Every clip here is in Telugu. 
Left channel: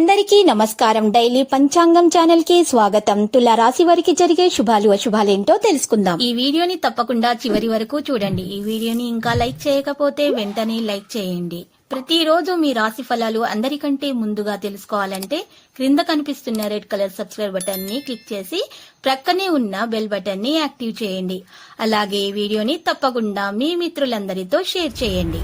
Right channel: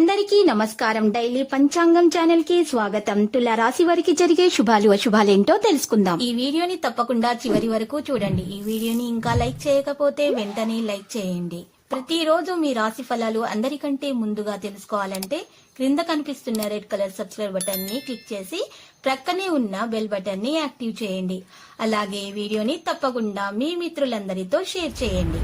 అందరికీ నమస్కారం. డైలీ పంచాంగం ఛానల్ కి స్వాగతం. తుల రాశి వారికి జరిగే శుభాలు అశుభాలేంటో తెలుసుకుందాం. ఈ వీడియోని తప్పకుండా చివరి వరకు చూడండి. ఈ వీడియోని ఇంకా లైక్ చేయకపోతే వెంటనే లైక్ చేయండి. ప్రతిరోజు మీ రాశి ఫలాలు అందరికంటే ముందుగా తెలుసుకోవాలంటే క్రింద కనిపిస్తున్న రెడ్ కలర్ సబ్స్క్రైబ్ బటన్ ని క్లిక్ చేసి ప్రక్కనే ఉన్న బెల్ బటన్ ని యాక్టివ్ చేయండి. అలాగే వీడియోని తప్పకుండా మీ మిత్రులందరితో షేర్ చేయండి.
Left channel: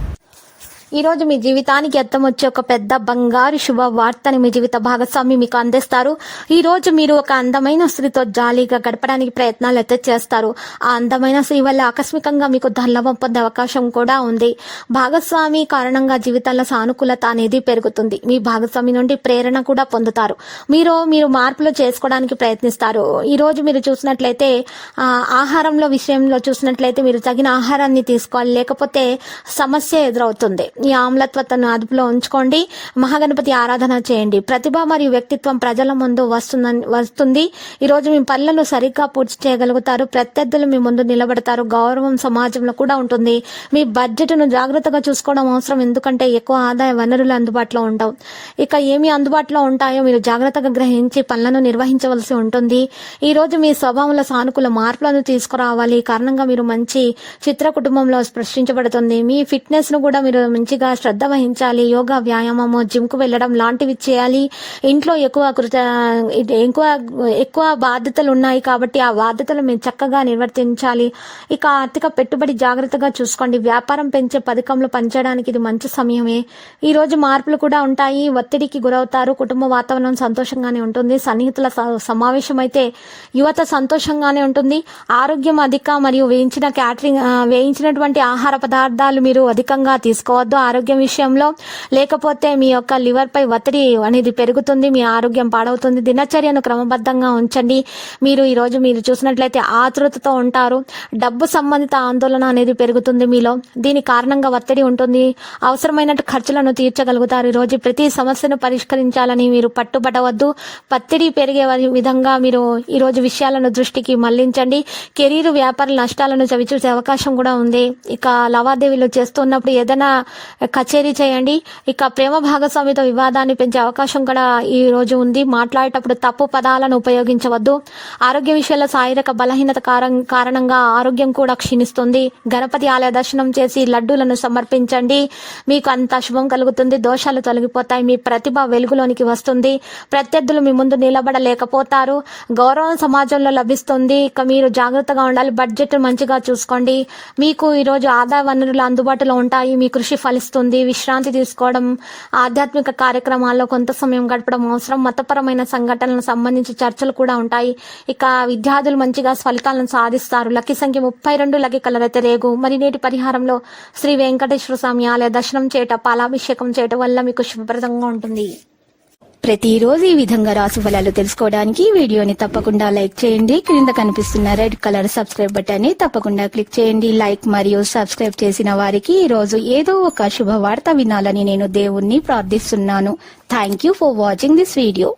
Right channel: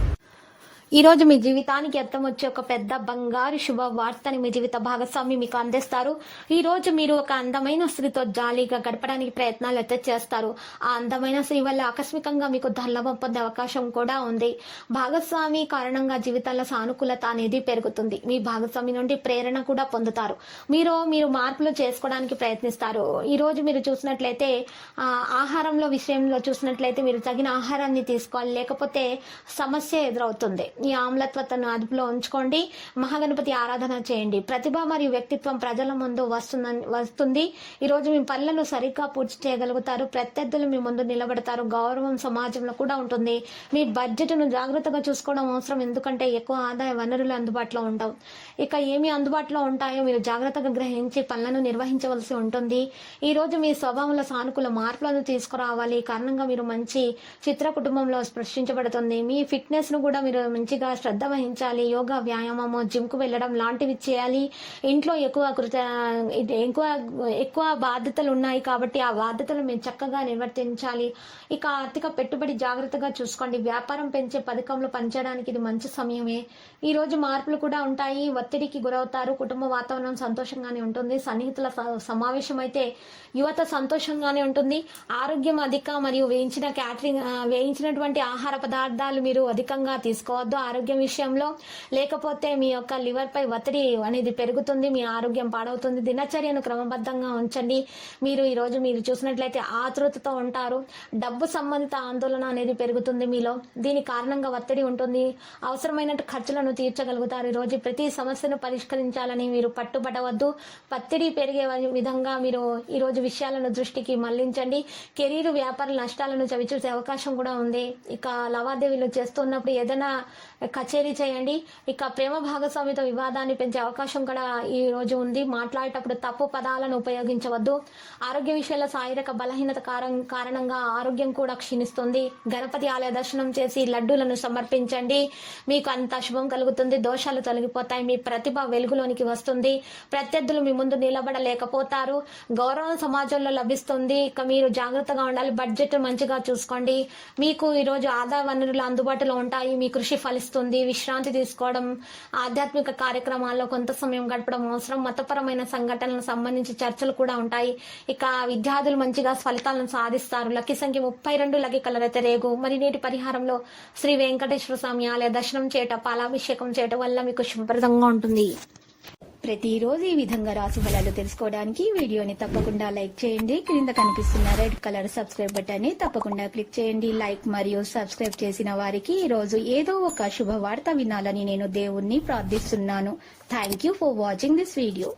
ఈ రోజు మీ జీవితానికి అర్థం వచ్చే ఒక పెద్ద బంగారు శుభవార్తని మీ జీవిత భాగస్వామి మీకు అందిస్తారు. ఈ రోజు మీరు ఒక అందమైన స్త్రీతో జాలీగా గడపడానికి ప్రయత్నాలు అయితే చేస్తారు. ఆ అందమైన స్త్రీ వల్ల ఆకస్మికంగా మీకు ధనలాభం పొందే అవకాశం కూడా ఉంది. భాగస్వామి కారణంగా జీవితంలో సానుకూలత అనేది పెరుగుతుంది. మీ భాగస్వామి నుండి ప్రేరణ కూడా పొందుతారు. మీరు మార్పులు చేసుకోవడానికి ప్రయత్నిస్తారు. ఈ రోజు మీరు చూసినట్లయితే ఆహారంలో విషయంలో చూసినట్లయితే మీరు తగిన ఆహారాన్ని తీసుకోవాలి, లేకపోతే సమస్య ఎదురవుతుంది. ఈ ఆమ్లత్వతను అదుపులో ఉంచుకోండి. మహాగణపతి ఆరాధన చేయండి. ప్రతిభ మరియు వ్యక్తిత్వం ప్రజల ముందు వస్తుంది. ఈ రోజు మీ పనులను సరిగ్గా పూర్తి చేయగలుగుతారు. ప్రత్యర్థులు మీ ముందు నిలబడతారు. గౌరవం సమాజంలో కూడా ఉంటుంది. మీ బడ్జెట్ను జాగ్రత్తగా చూసుకోవడం అవసరం, ఎందుకంటే ఎక్కువ ఆదాయ వనరులు అందుబాటులో ఉండవు. ఇక ఏమి అందుబాటులో ఉంటాయో మీరు జాగ్రత్తగా గ్రహించి పనులను నిర్వహించవలసి ఉంటుంది. ఈ రోజు మీ స్వభావంలో సానుకూల మార్పులను తీసుకురావాలి. ఈ కారణంగా మీరు మంచి చిత్ర కుటుంబంలో స్పృశించబడుతుంది. మీ ఫిట్నెస్ ను కూడా మీరు మంచిగా శ్రద్ధ వహించాలి. యోగా, వ్యాయామము, జిమ్ కు వెళ్లడం లాంటివి చేయాలి. ఇంట్లో ఎక్కువ బాధ్యతలు ఉన్నాయి కాబట్టి ఆ బాధ్యతలు మీరు చక్కగా నిర్వర్తించాలి. ఇక ఆర్థిక పెట్టుబడి జాగ్రత్తగా చూసుకోండి. వ్యాపారం పెంచే పథకంలో పనిచేయడానికి ఇది మంచి సమయమే. ఈ రోజు మార్పులు కూడా ఉంటాయి. ఒత్తిడికి గురవుతారు. కుటుంబ వాతావరణం సంతోషంగానే ఉంటుంది. సన్నిహితుల సమావేశం అయితే యువత సంతోషంగానే ఉంటుంది. ఆరోగ్యం అధిక మరియు వేయించినటువంటి ఆహార పదార్థాలు మీరు అధికంగా తీసుకోవద్దు ఆరోగ్యం విషయంలో, లేకపోతే మీ యొక్క లివర్ పై ఒత్తిడి అనేది పెరుగుతుంది. మీ ఆరోగ్యం పాడవుతుంది. దినచర్యను క్రమబద్ధంగా ఉంచండి. ఈ రోజు మీరు చూసినట్లయితే ఆతృతతో ఉంటారు. డబ్బు సంబంధిత ఆందోళన అనేది పెరుగుతుంది మీలో. దీని కారణంగా ఒత్తిడి ఉంటుంది. అవసరమైనట్టు ఖర్చులను తీర్చగలుగుతారు. ఈ రోజు ప్రతి సమస్యను పరిష్కరించాలని మీరు పట్టుబడవద్దు. ఒత్తిడి పెరిగే విధంగా మీరు ఈ రోజు విషయాలను దృష్టికి మళ్లించండి. కెరీర్, వ్యాపార నష్టాలను చవిచూసే అవకాశం కూడా ఉంది. ఇక లావాదేవీలు చేస్తున్నప్పుడు ఏదైనా కచేరీ చేయండి. ఇక ప్రేమ భాగస్వామితో వివాదాన్ని పెంచే అవకాశం కూడా ఈ రోజు ఉంది. మాట్లాడేటప్పుడు తప్పు పదాలను ఉపయోగించవద్దు. ఆరోగ్య విషయాల్లో శారీరక బలహీనత కారణంగా ఆరోగ్యం కూడా క్షీణిస్తుంది. గణపతి ఆలయ దర్శనం చేసి లడ్డూలను సమర్పించండి. మీకు అంత శుభం కలుగుతుంది. దోషాలు తొలగిపోతాయి. మీ ప్రతిభ వెలుగులోనికి వస్తుంది. ప్రత్యర్థులు మీ ముందు నిలబడలేకపోతారు. గౌరవం సమాజంలో లభిస్తుంది. ఇక మీరు జాగ్రత్తగా ఉండాలి. బడ్జెట్ మంచిగా చూసుకోండి. మీకు ఈ రోజు ఆదాయ వనరులు అందుబాటులో ఉంటాయి. మీ కృషి ఫలిస్తుంది. విశ్రాంతి తీసుకోవడం, ఆధ్యాత్మిక కార్యక్రమాల్లో కొంత సమయం గడపడం అవసరం. మతపరమైన సంఘటనలకు సంబంధించి చర్చలు కూడా ఉంటాయి. ఇక విద్యార్థులు మంచిగా ఫలితాలను సాధిస్తారు. లక్కీ సంఖ్య 32, లక్కీ కలర్ అయితే రేగు. మరి నేటి పరిహారంలో శ్రీ వెంకటేశ్వర స్వామి ఆలయ దర్శనం చేయటం, పాలాభిషేకం చేయటం వల్ల మీకు శుభప్రదంగా ఉంటుంది. ప్రతిరోజు ఈ విధంగా రాశి ఫలాలు తెలుసుకోవడానికి వీడియోని తప్పకుండా లైక్ చేయండి. క్రింద కనిపిస్తున్న రెడ్ కలర్ సబ్స్క్రైబ్ బటన్ ని తప్పకుండా క్లిక్ చేయండి. లైక్ మరియు సబ్స్క్రైబ్ చేసిన వారికి ఈ రోజు ఏదో ఒక శుభవార్త వినాలని నేను దేవుణ్ణి ప్రార్థిస్తున్నాను. Thank you for watching this video.